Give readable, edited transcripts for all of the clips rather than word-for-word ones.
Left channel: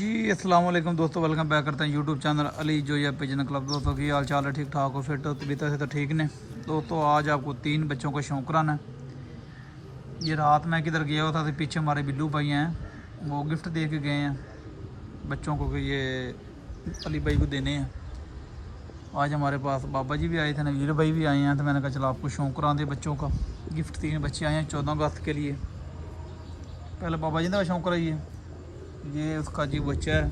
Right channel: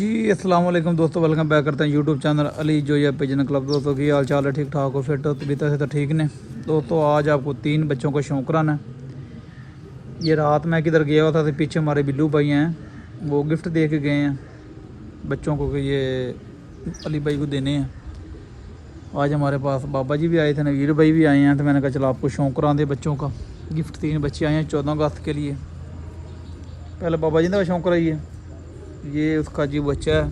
जी अस्सलाम वालेकुम दोस्तों, वेलकम बैक करते हैं YouTube channel Ali Zoya pigeon club. दोस्तों की हाल चाल है, ठीक ठाक हो, फिट हो, तबीयत से तो ठीक ने। दोस्तों आज आपको 3 बच्चों का शौक कराना है। ये रात मैं किधर गया हुआ था तो पीछे हमारे बिल्लू भाई हैं, वो गिफ्ट दे के गए हैं बच्चों को कि ये अली भाई को देने हैं। आज हमारे पास बाबा जी भी आए थे, नवीर भाई भी आए हैं, तो मैंने कहा चलो आपको शौक करा दे बच्चों का गिफ्ट। 3 बच्चे आए हैं 14 अगस्त के लिए। पहले बाबा जी का शौक कराइए। ये उसका जी बच्चा है,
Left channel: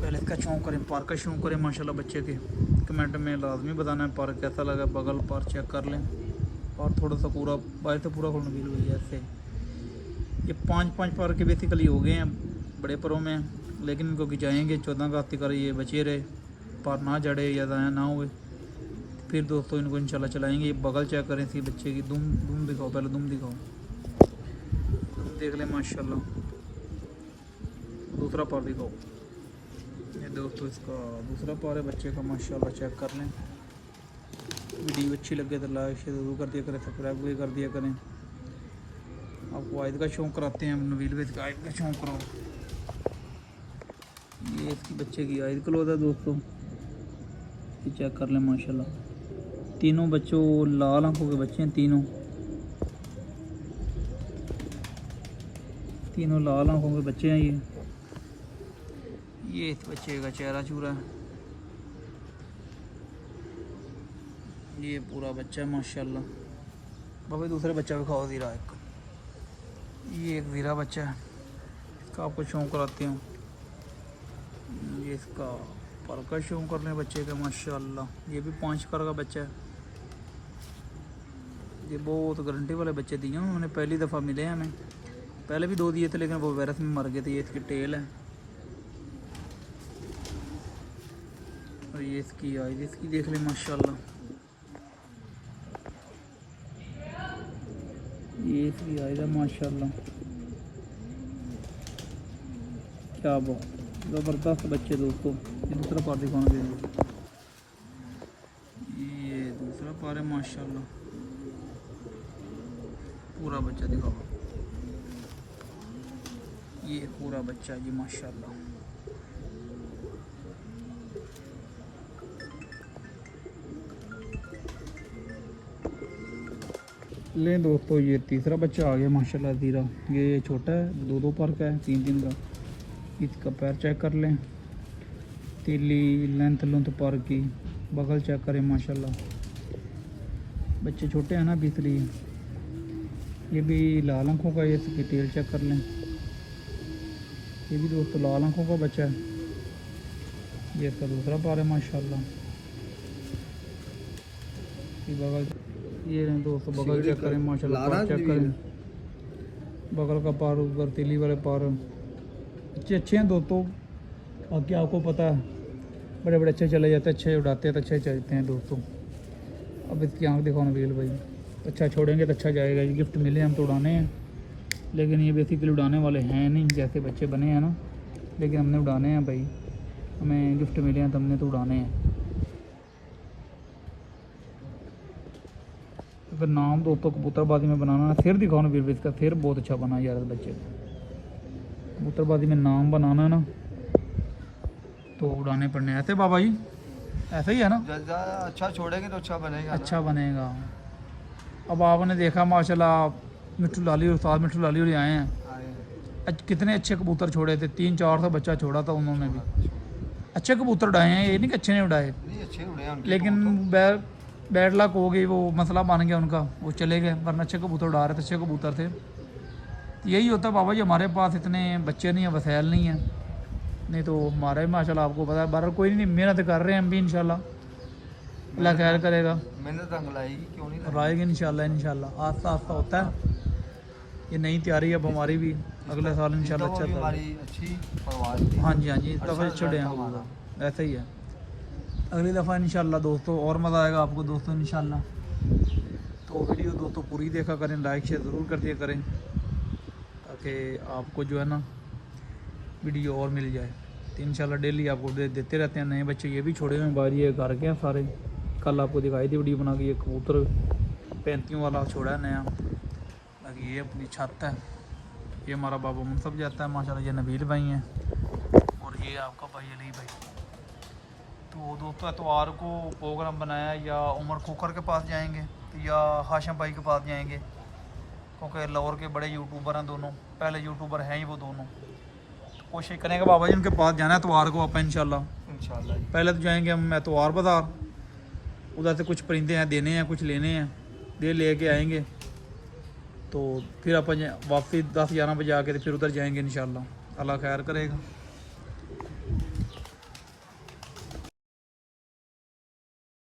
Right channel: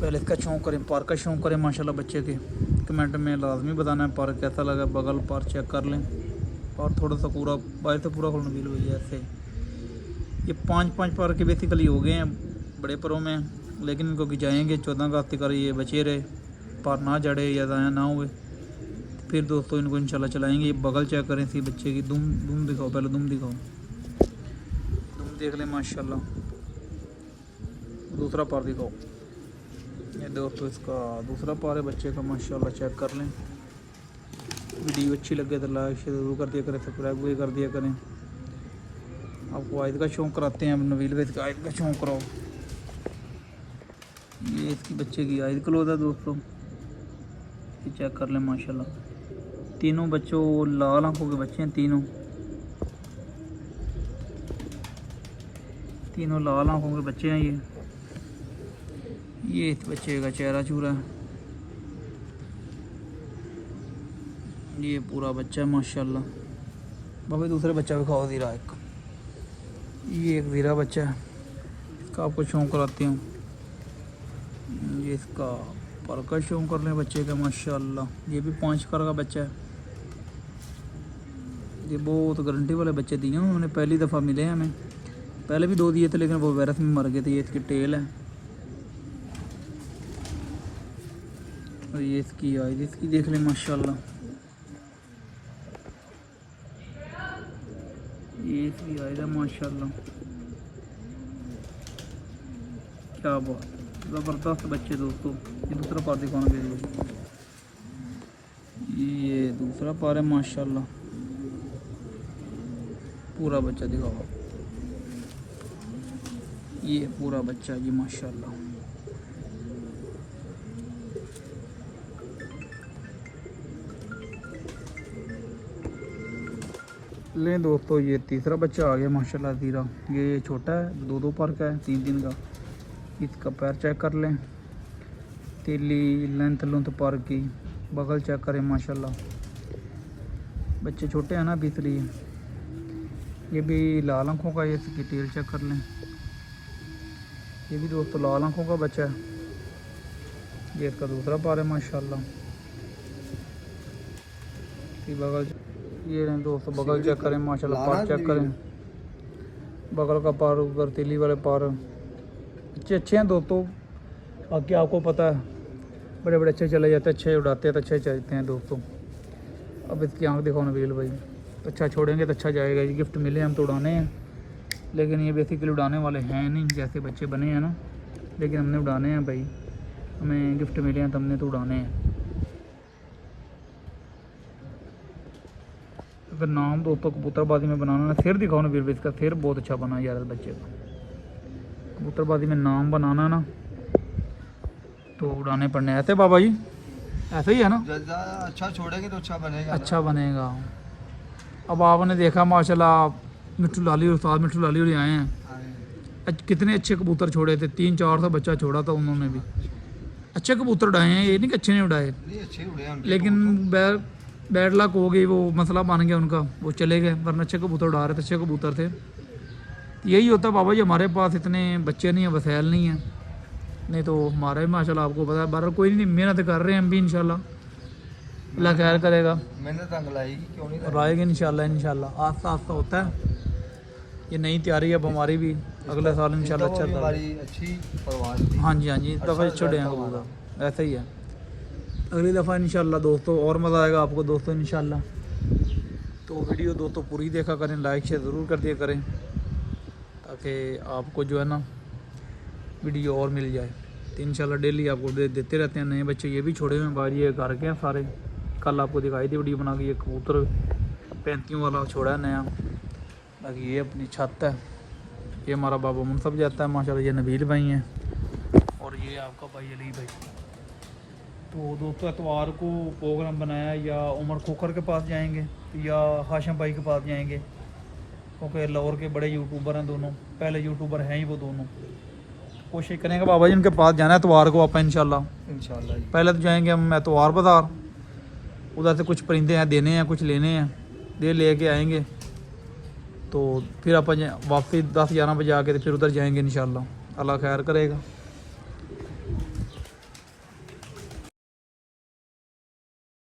पहले इसका शौक करें, पार्क का शौक करें माशाल्लाह बच्चे के। कमेंट में लाजमी बताना है पार्क कैसा लगा। बगल पार चेक कर लें, पार थोड़ा सा पूरा बाहर से पूरा खोलना मिल हुई है ऐसे। ये 5-5 पार के बेसिकली हो गए हैं बड़े परों में, लेकिन इनको गिजाएँगे 14 अगस्त तक ये बचे रहे, पार ना जड़े या ज़ाया ना हुए, फिर दोस्तों इनको इंशाल्लाह चलाएँगे। ये बगल चेक करें थी बच्चे की, दुम दिखाओ, पहले दुम दिखाओ, दुम देख लें माशाल्लाह। दूसरा पार दिखाओ, ये दोस्तों इसका दूसरा पार है बच्चे का माशाल्लाह, चेक कर लें। वीडियो अच्छी लगे तो लाइक शेयर जरूर कर दिया करें, सब्सक्राइब भी कर दिया करें। आपको आयद का शौक कराते हैं, नवील भाई का आयद का शौक कराओ। ये इसकी बच्चे की आयद क्लोज है दोस्तों, ये चेक कर लें माशाल्लाह। तीनों बच्चों लाल आंखों के बच्चे हैं, तीनों लाल आंखों के बच्चे हैं। ये इस बच्चे का चेहरा चूरा है, ये पूरा बच्चा है माशाल्लाह। बाबा दूसरे बच्चा भी खाओ ज़ीरा एक। ये एक ज़ीरा बच्चा है, इसका आपको शौक कराती हूँ। ये इसका पर का शौक कर लें बच्चे का माशाल्लाह। ये भी 5 कर का बच्चा है। ये बहुत गारंटी वाले बच्चे दिए उन्होंने, पहली दफ़ा मिले हमें। पहले भी 2 दिए थे लेकिन वो वायरस में मर गए थे। ये इसकी टेल है और ये इसकी आइज इसकी देख लें माशाल्लाह। ये इसकी आइज है माशाल्लाह, क्या बहुत ज़बरदस्त बच्चे दोस्तों। ये दूसरा पार दिखाना, ये दूसरा पार है माशाल्लाह, पूरा बच्चा दिखाओ। ये पूरा बच्चा जी माशाल्लाह। लें दोस्तों, ये तीसरा बच्चा आ गया माशाल्लाह ज़ीरा। ये छोटा है, 2-2 पर का है, 3-3 का। इसका पैर चेक कर लें, तीली लेंथ पर की, बगल चेक करें माशाल्लाह। बच्चे छोटे हैं ना अभी इसलिए। ये भी लाल आँखों का, ये इसकी टेल चेक कर लें। ये भी दोस्तों लाल आँखों का बच्चा है। ये इसका दूसरा पार है माशाल्लाह। बगल ये नहीं दोस्तों, बगल चेक करें माशाल्लाह, पार चेक करें, बगल का पार, उधर तीली वाले पार अच्छे हैं दोस्तों। बाकी आपको पता है बड़े बड़े अच्छे चले जाते हैं, अच्छे उड़ाते हैं तो अच्छे चलते हैं दोस्तों। अब इसकी आँख दिखाओ नवील भाई, अच्छा छोड़ेंगे तो अच्छा जाएगा। ये गिफ्ट मिले हम तो उड़ाने हैं, लेकिन ये बेसिकली उड़ाने वाले हैं नहीं, जैसे बच्चे बने हैं ना, लेकिन हमने उड़ाने हैं भाई, हमें गिफ्ट मिले हैं तो हमने तो उड़ाने हैं। अगर नाम दोस्तों कबूतरबाजी में बनाना है, सिर दिखाओ ना वीर, इसका सिर बहुत अच्छा बना यार बच्चे का। कबूतरबाजी में नाम बनाना ना तो उड़ाने पड़ने ऐसे बाबा जी, ऐसा ही है ना। अच्छा छोड़ेंगे तो अच्छा बनेगा, अच्छा बनेगा। अब आपने देखा माशाल्लाह मिट्ठू लाली, उस्ताद मिट्ठू लाली और आए हैं, कितने अच्छे कबूतर छोड़े थे। 300-400 बच्चा छोड़ा था उन्होंने भी। अच्छे कबूतर उड़ाए हैं, ये नहीं कि अच्छे नहीं उड़ाए, अच्छे उड़े हैं, लेकिन बैड लक हो गई, वो मसला बन गया उनका, वो चले गए। वरना अच्छे कबूतर उड़ा रहे थे, अच्छे कबूतर थे। यही होता है बाबा जी, हमारे पास इतने बच्चे नहीं हैं, वसैल नहीं है, नहीं तो हमारा भी माशाल्लाह आपको पता है। बहरहाल कोई नहीं, मेहनत कर रहे हैं हम भी, इंशाल्लाह अल्लाह खैर करेगा, मेहनत लाएगी क्यों नहीं लाएगी इंशाल्लाह। आस्ता आस्ता होता है, ये नई तैयारी अब हमारी भी, अगले साल इंशाल्लाह अच्छा था। अच्छी परवाह। हाँ जी इस दफ़ा छोड़े हैं, ऐसा ही है। अगली दफ़ा इंशाल्लाह दोस्तों और मज़ा आएगा आपको दोस्तों इंशाल्लाह। तो वीडियो दोस्तों पूरी देखा करें, लाइक शेयर ज़रूर कर दिया करें, ताकि आपको जो है ना वीडियो और मिल जाए। तो इंशाल्लाह डेली आपको देते रहते हैं नए बच्चे। ये भी छोड़े हुए हैं बाहर, ये घर के हैं सारे। कल आपको दिखाई थी वीडियो बना के, ये कबूतर 35 वाला छोड़ा है नया। बाकी ये अपनी छत है, ये हमारा बाबू मुनसब जाता है माशाल्लाह, ये नबील भाई हैं और ये आपका भाई अली भाई। तो दोस्तों एतवार को प्रोग्राम बनाया, या उमर खोखर के पास जाएंगे तो या हाशिम भाई के पास जाएंगे, क्योंकि लाहौर के बड़े यूट्यूबर हैं दोनों, पहले यूट्यूबर हैं ही वो दोनों। तो कोशिश करेंगे बाबा जी उनके पास जाना है एतवार को आप इंशाल्लाह। इंशाल्लाह जी। पहले तो जाएंगे हम एतवार बाज़ार, उधर से कुछ परिंदे हैं देने हैं, कुछ लेने हैं, दे ले आएंगे। तो फिर आप वापसी 10-11 बजे आके तो फिर उधर जाएंगे इंशाल्लाह, अल्लाह खैर करेगा।